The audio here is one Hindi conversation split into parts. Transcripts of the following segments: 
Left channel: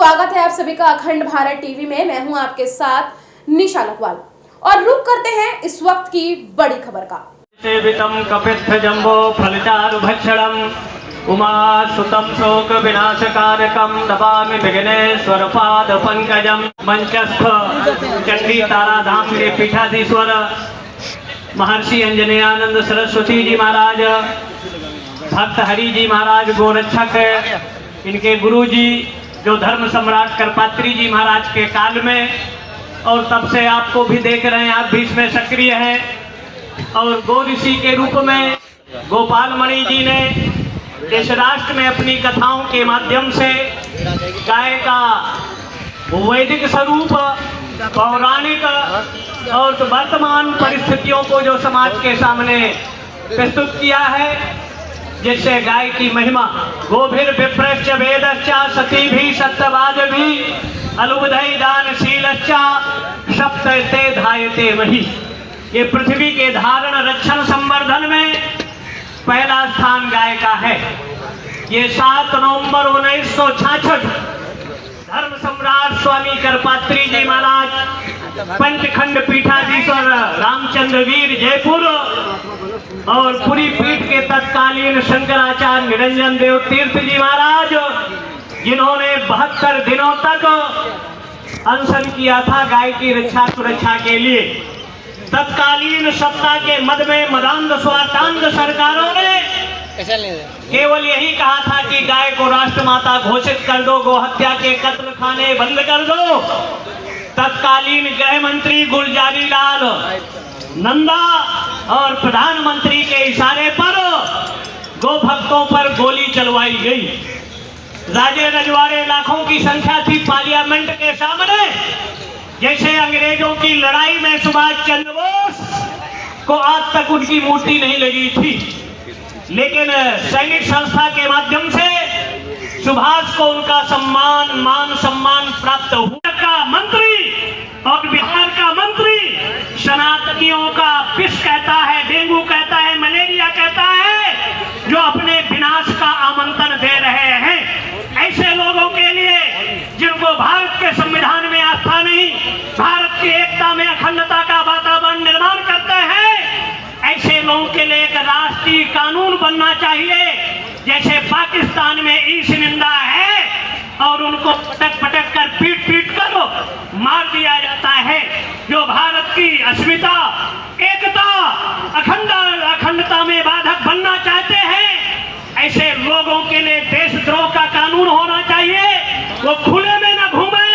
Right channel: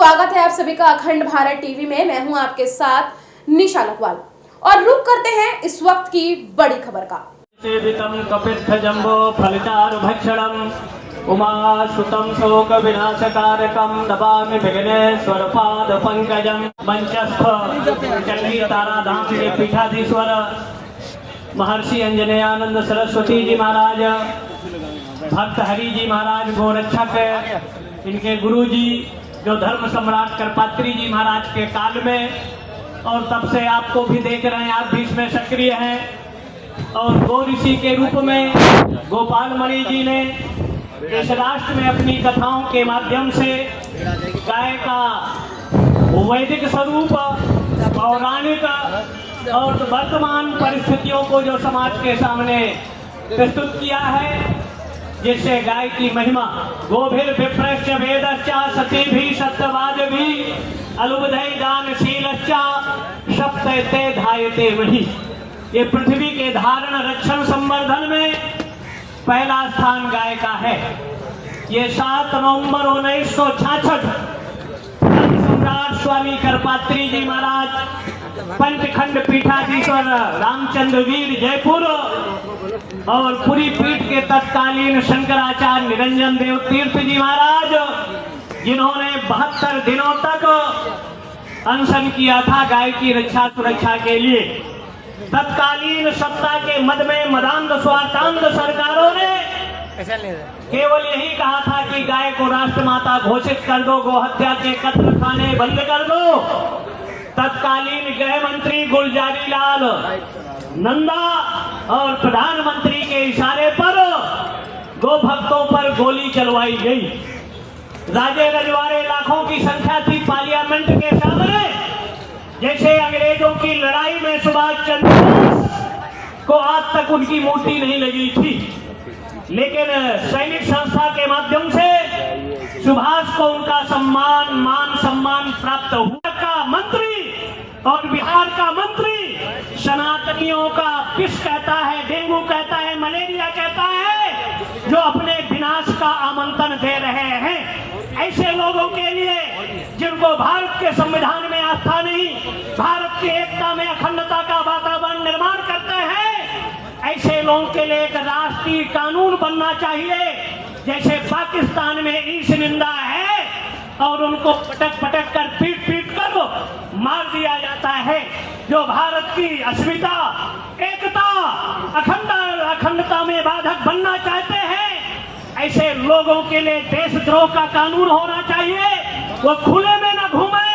स्वागत है आप सभी का अखंड भारत टीवी में। मैं हूं आपके साथ निशा लखवाल और रुक करते हैं इस वक्त की बड़ी खबर का। सेवितम कपित्थ जम्बो फलचारु भक्षणम उमा सुतम शोक विनाशकारकम नमामि विघ्नेश्वर पाद पंकजम। मंचस्थ चंडी ताराधाम के पीठाधीश्वर महर्षि अंजनेयानंद सरस्वती जी महाराज, भक्त हरि जी महाराज गोरक्षक, इनके गुरु जी जो धर्म सम्राट करपात्री जी महाराज के काल में, और तब से आपको भी देख रहे हैं, आप भी इसमें सक्रिय हैं। और गो ऋषि के रूप में गोपाल मणि जी ने इस राष्ट्र में अपनी कथाओं के माध्यम से गाय का वैदिक स्वरूप, पौराणिक और वर्तमान परिस्थितियों को जो समाज के सामने प्रस्तुत किया है, जिससे गाय की महिमा गोभिर विप्रश्च वेदश्चा सती भी सत्यवाद भी अलुबधय दानशीलश्चा सप्तते धायते वही। ये पृथ्वी के धारण रक्षण संवर्धन में पहला स्थान गाय का है। ये 7 नवंबर 1966 सम्राट स्वामी करपात्री जी महाराज, पंचखंड पीठाधीश्वर रामचंद्र वीर जयपुर और पूरी पीठ के तत्कालीन शंकराचार्य निरंजन देव तीर्थ जी महाराज, जिन्होंने 72 दिनों तक अनशन किया था गाय की रक्षा सुरक्षा के लिए। तत्कालीन सत्ता के मद में मदांध स्वार्थांध सरकारों ने केवल यही कहा था कि गाय को राष्ट्रमाता घोषित कर दो, गो हत्या के कत्ल खाने बंद कर दो। तत्कालीन गृह मंत्री गुलजारी लाल नंदा और प्रधानमंत्री के इशारे पर गो भक्तों पर गोली चलवाई गई। राजे रजवाड़े लाखों की संख्या थी पार्लियामेंट के सामने। जैसे अंग्रेजों की लड़ाई में सुभाष चंद्र बोस को आज तक उनकी मूर्ति नहीं लगी थी, लेकिन सैनिक संस्था के माध्यम से सुभाष को उनका सम्मान मान सम्मान प्राप्त हुआ। का मंत्री और बिहार का मंत्री सनातनियों का विष कहता है, डेंगू कहता है, मलेरिया कहता है, जो अपने विनाश का आमंत्रण दे रहे हैं। ऐसे लोगों के लिए जिनको भारत के संविधान में आस्था नहीं, भारत की एकता में अखंडता का वातावरण निर्माण करते हैं, ऐसे लोगों के लिए एक राष्ट्रीय कानून बनना चाहिए। जैसे पाकिस्तान में ईश निंदा है और उनको पटक पटक कर पीट पीट कर मार दिया जाता है। जो भारत की अस्मिता, एकता, अखंडता में बाधक बनना चाहते हैं, ऐसे लोगों के लिए देशद्रोह का कानून होना चाहिए। वो खुले में न घूमे,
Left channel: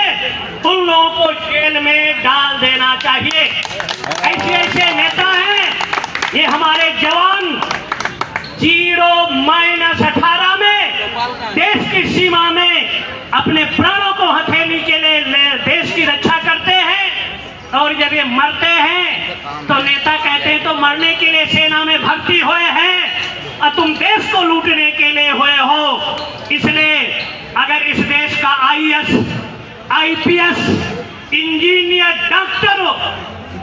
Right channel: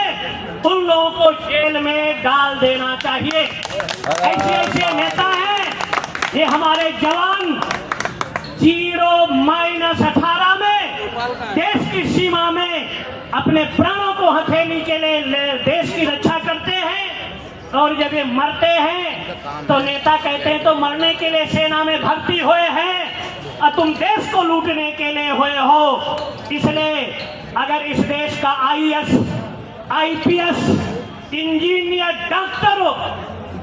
उन लोगों को जेल में डाल देना चाहिए। ऐसे नेता हैं ये हमारे जवान 0-18 में देश की सीमा में अपने प्राणों को हथेली के लिए देश की रक्षा करते हैं। और जब ये मरते हैं तो नेता कहते हैं तो मरने के लिए सेना में भर्ती हुए हैं और तुम देश को लूटने के लिए हुए हो। इसलिए अगर इस देश का IAS, IPS, इंजीनियर, डॉक्टर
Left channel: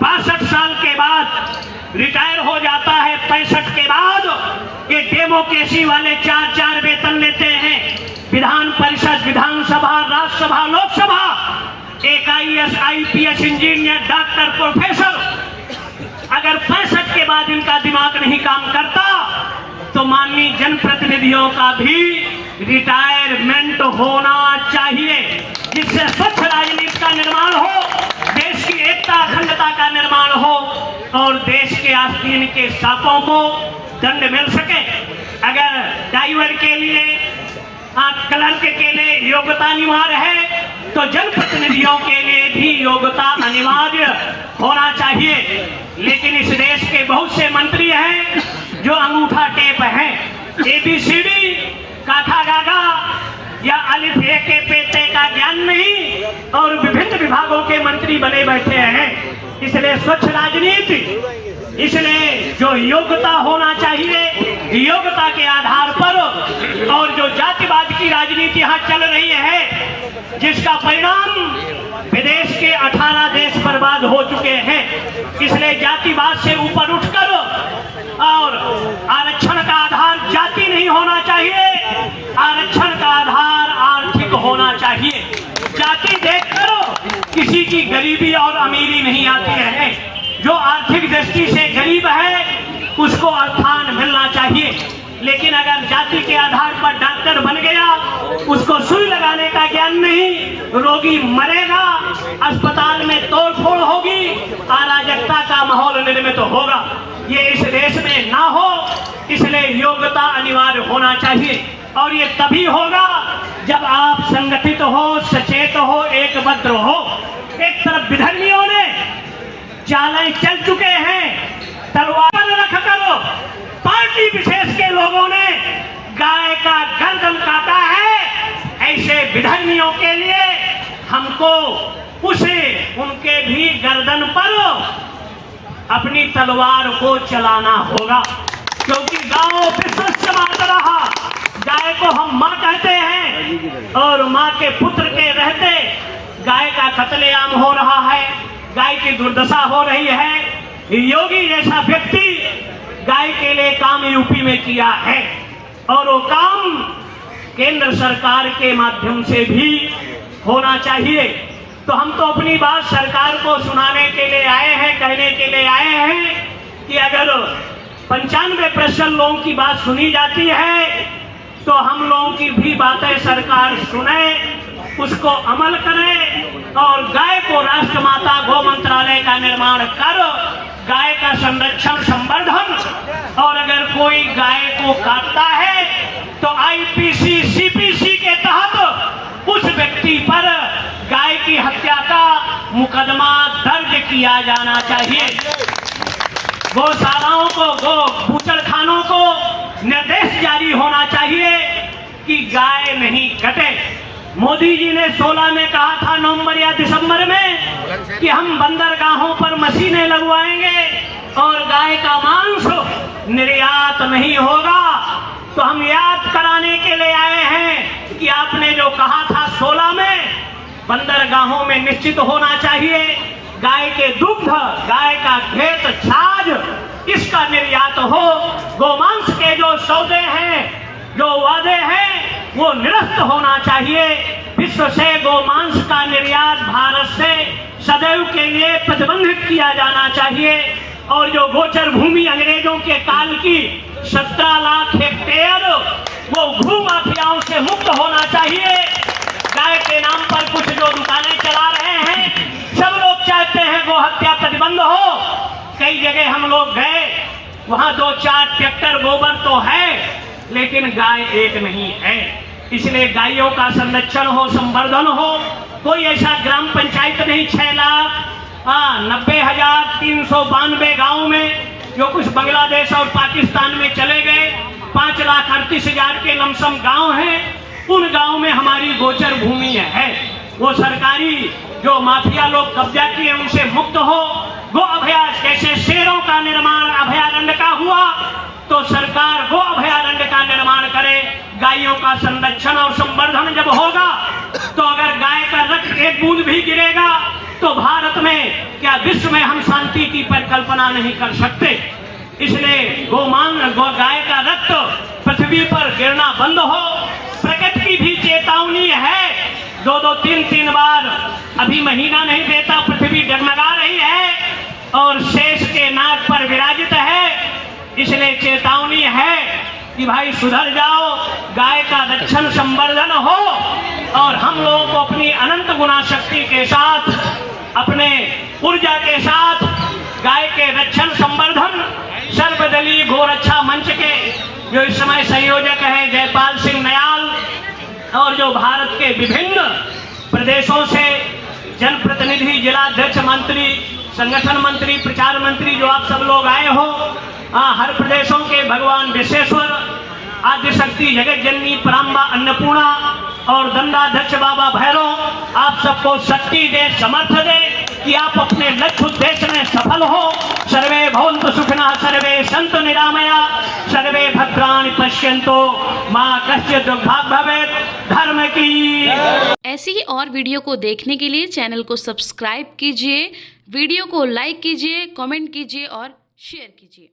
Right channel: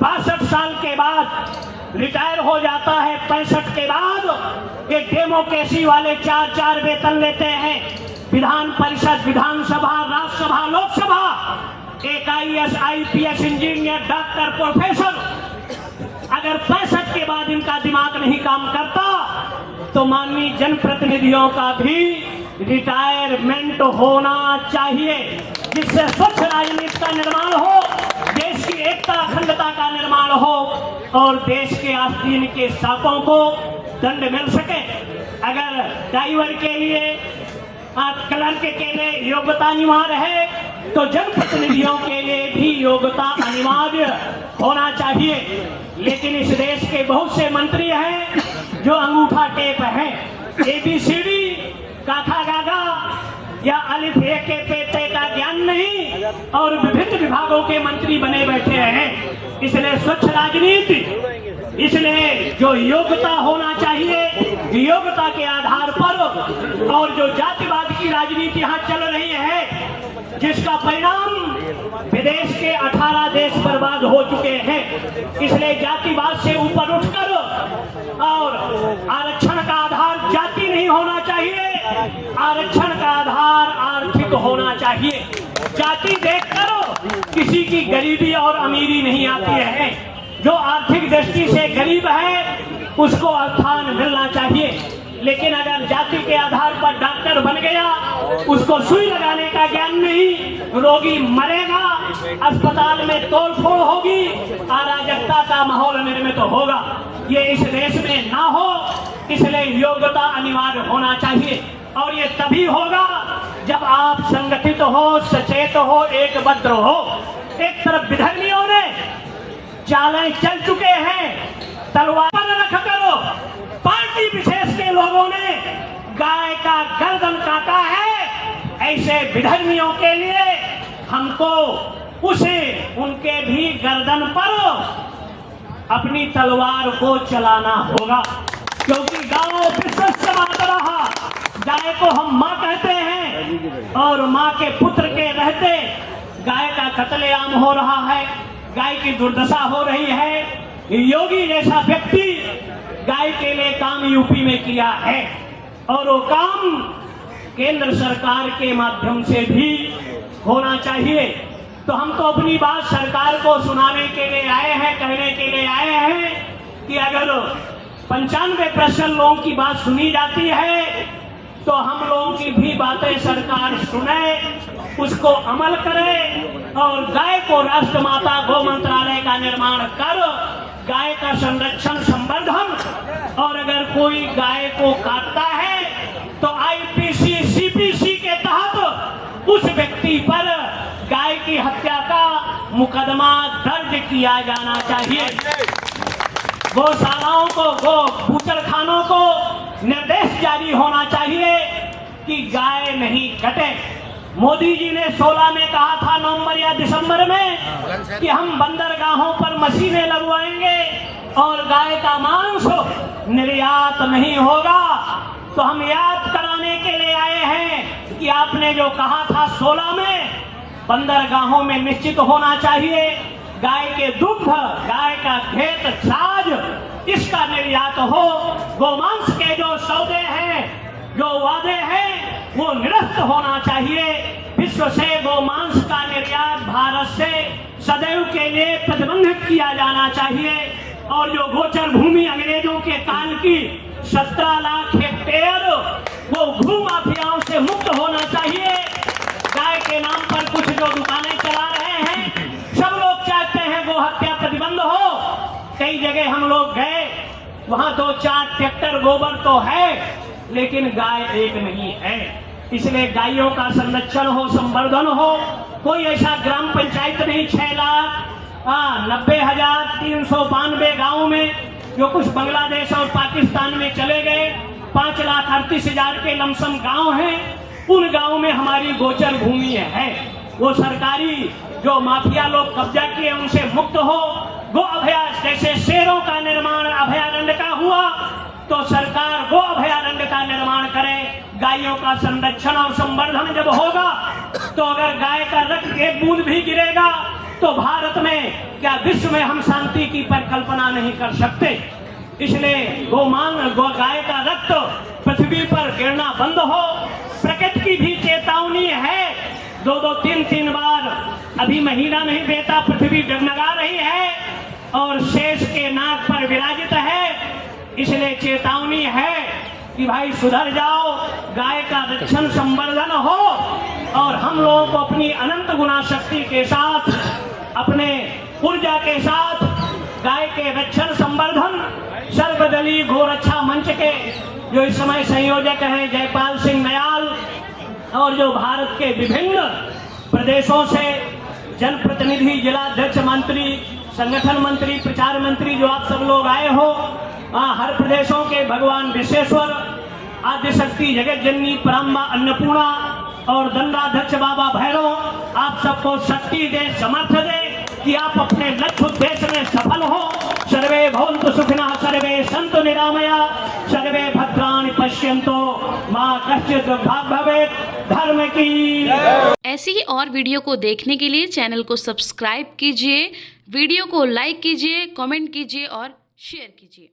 62 साल के बाद रिटायर हो जाता है, 65 के बाद ये डेमोक्रेसी वाले 4-4 वेतन लेते हैं। विधान परिषद, विधानसभा, राज्यसभा, लोकसभा, एक IAS, IPS, engineer, doctor, professor, अगर 65 के बाद इनका दिमाग नहीं काम करता तो माननीय जनप्रतिनिधियों का भी रिटायरमेंट होना चाहिए, जिससे स्वच्छ राजनीति का निर्माण हो, देश की एकता अखंडता का निर्माण हो और देश के आस्तीन के सापों को दंड मिल सके। अगर ड्राइवर के लिए, क्लर्क के लिए योग्यता अनिवार्य है तो जनप्रतिनिधियों के लिए भी योग्यता अनिवार्य होना चाहिए। लेकिन इस देश के बहुत से मंत्री हैं जो अंगूठा टेप हैं, ABCD, काखा गागा या अलिफ ए के पेटे का ज्ञान नहीं और विभिन्न विभागों के मंत्री बने बैठे हैं। इसलिए स्वच्छ राजनीति, इसलिए जो योग्यता होना चाहिए, योग्यता के आधार पर, और जो जातिवाद की राजनीति यहाँ चल रही है, जिसका परिणाम विदेश के 18 देश बर्बाद हो चुके हैं। इसलिए जातिवाद से ऊपर उठकर और आरक्षण का आधार जाति नहीं होना चाहिए, आरक्षण का आधार आर्थिक होना चाहिए। जाति देखकर किसी की गरीबी और अमीरी नहीं आती है। जो आर्थिक दृष्टि से गरीब है उसको स्थान मिलना चाहिए, लेकिन अगर जाति के आधार पर डॉक्टर बन गया, उसको सुई लगाने का ज्ञान नहीं, रोगी मरेगा, अस्पताल में तोड़फोड़ होगी, अराजकता का माहौल निर्मित होगा। ये इस देश में ना हो, इसलिए योग्यता अनिवार्य होना चाहिए। और ये तभी होगा जब आप संगठित हो, सचेत हो, एकबद्ध हो। एक तरफ विधर्मियों ने चालें चल चुके हैं, तलवार रख करो, पार्टी विशेष के लोगों ने गाय का गर्दन काटा है। ऐसे विधर्मियों के लिए हमको उनके भी गर्दन पर अपनी तलवार को चलाना होगा, क्योंकि गांव विश्वस्त माता रहा। गाय को हम माँ कहते हैं और माँ के पुत्र के रहते गाय का कत्लेआम हो रहा है, गाय की दुर्दशा हो रही है। योगी जैसा व्यक्ति गाय के लिए काम यूपी में किया है और वो काम केंद्र सरकार के माध्यम से भी होना चाहिए। तो हम तो अपनी बात सरकार को सुनाने के लिए आए हैं, कहने के लिए आए हैं कि अगर 95% लोगों की बात सुनी जाती है तो हम लोगों की भी बातें सरकार सुने, उसको अमल करे और गाय को राष्ट्रमाता गौ मंत्रालय का निर्माण कर गाय का संरक्षण संवर्धन, और अगर कोई गाय को काटता है तो आईपीसी सीपीसी के तहत उस व्यक्ति पर गाय की हत्या का मुकदमा दर्ज किया जाना चाहिए। गौशालाओं को, गो बूचड़खानों को निर्देश जारी होना चाहिए कि गाय नहीं कटे। मोदी जी ने 16 में कहा था, नवंबर या दिसंबर में, कि हम बंदरगाहों पर मशीनें लगवाएंगे और गाय का मांस निर्यात नहीं होगा। तो हम याद कराने के लिए आए हैं कि आपने जो कहा था 16 में, बंदरगाहों में निश्चित होना चाहिए गाय के दुग्ध, गाय का घेत, छाछ, इसका निर्यात हो। गोमांस के जो सौदे हैं, जो वादे हैं, वो निरस्त होना चाहिए। विश्व से गोमांस का निर्यात भारत से सदैव के लिए प्रतिबंधित किया जाना चाहिए। और जो गोचर भूमि अंग्रेजों के काल की 17 लाख हेक्टेयर, वो भू माफियाओं से मुक्त होना चाहिए। गाय के नाम पर कुछ जो दुकानें चला रहे हैं, सब लोग चाहते हैं गो हत्या प्रतिबंध हो। कई जगह हम लोग गए, वहां 2-4 ट्रैक्टर गोबर तो है, लेकिन गाय एक नहीं है। इसलिए गायों का संरक्षण हो, संवर्धन हो। कोई ऐसा ग्राम पंचायत नहीं 6,90,392 गाँव में, जो कुछ बांग्लादेश और पाकिस्तान में चले गए। 5,38,000 के लमसम गांव हैं, उन गांव में हमारी गोचर भूमि है। वो सरकारी जो माफिया लोग कब्जा किए उनसे मुक्त हो। गो अभयारण्य, जैसे शेरों का निर्माण अभयारण्य का हुआ, तो सरकार गो अभयारण्य का निर्माण करे। गायों का संरक्षण और संवर्धन जब होगा, तो अगर गाय का रक्त एक बूंद भी गिरेगा तो भारत में क्या विश्व में हम शांति की परिकल्पना नहीं कर सकते। इसलिए गाय का रक्त पृथ्वी पर गिरना बंद हो। प्रकृति की भी चेतावनी है, 2-2, 3-3 बार अभी महीना नहीं देता, पृथ्वी डगमगा रही है और शेष के नाक पर विराजित है। इसलिए चेतावनी है कि भाई सुधर जाओ, गाय का रक्षण संवर्धन हो और हम लोगों को अपनी अनंत गुना शक्ति के साथ, अपने ऊर्जा के साथ गाय के रक्षण संवर्धन। सर्वदलीय गोरक्षा मंच के जो इस समय संयोजक हैं जयपाल सिंह नयाल, और जो भारत के विभिन्न प्रदेशों से जनप्रतिनिधि, जिलाध्यक्ष, मंत्री, संगठन मंत्री, प्रचार मंत्री, जो आप सब लोग आए हो, हर प्रदेशों के भगवान विश्वेश्वर, आदिशक्ति जगत जननी पराम्बा अन्नपूर्णा और दंडाध्यक्ष बाबा भैरव, आप सबको शक्ति दे, समर्थ दे कि आप अपने लक्ष्य उद्देश्य में सफल हो। सर्वे भवन्तु सुखिनः, सर्वे सन्तु निरामया, सर्वे भद्राणि पश्यन्तु, मा कश्चित् दुर्भाग् भवेत्। धर्म की। ऐसी ही और वीडियो को देखने के लिए चैनल को सब्सक्राइब कीजिए, वीडियो को लाइक कीजिए, कमेंट कीजिए और शेयर कीजिए।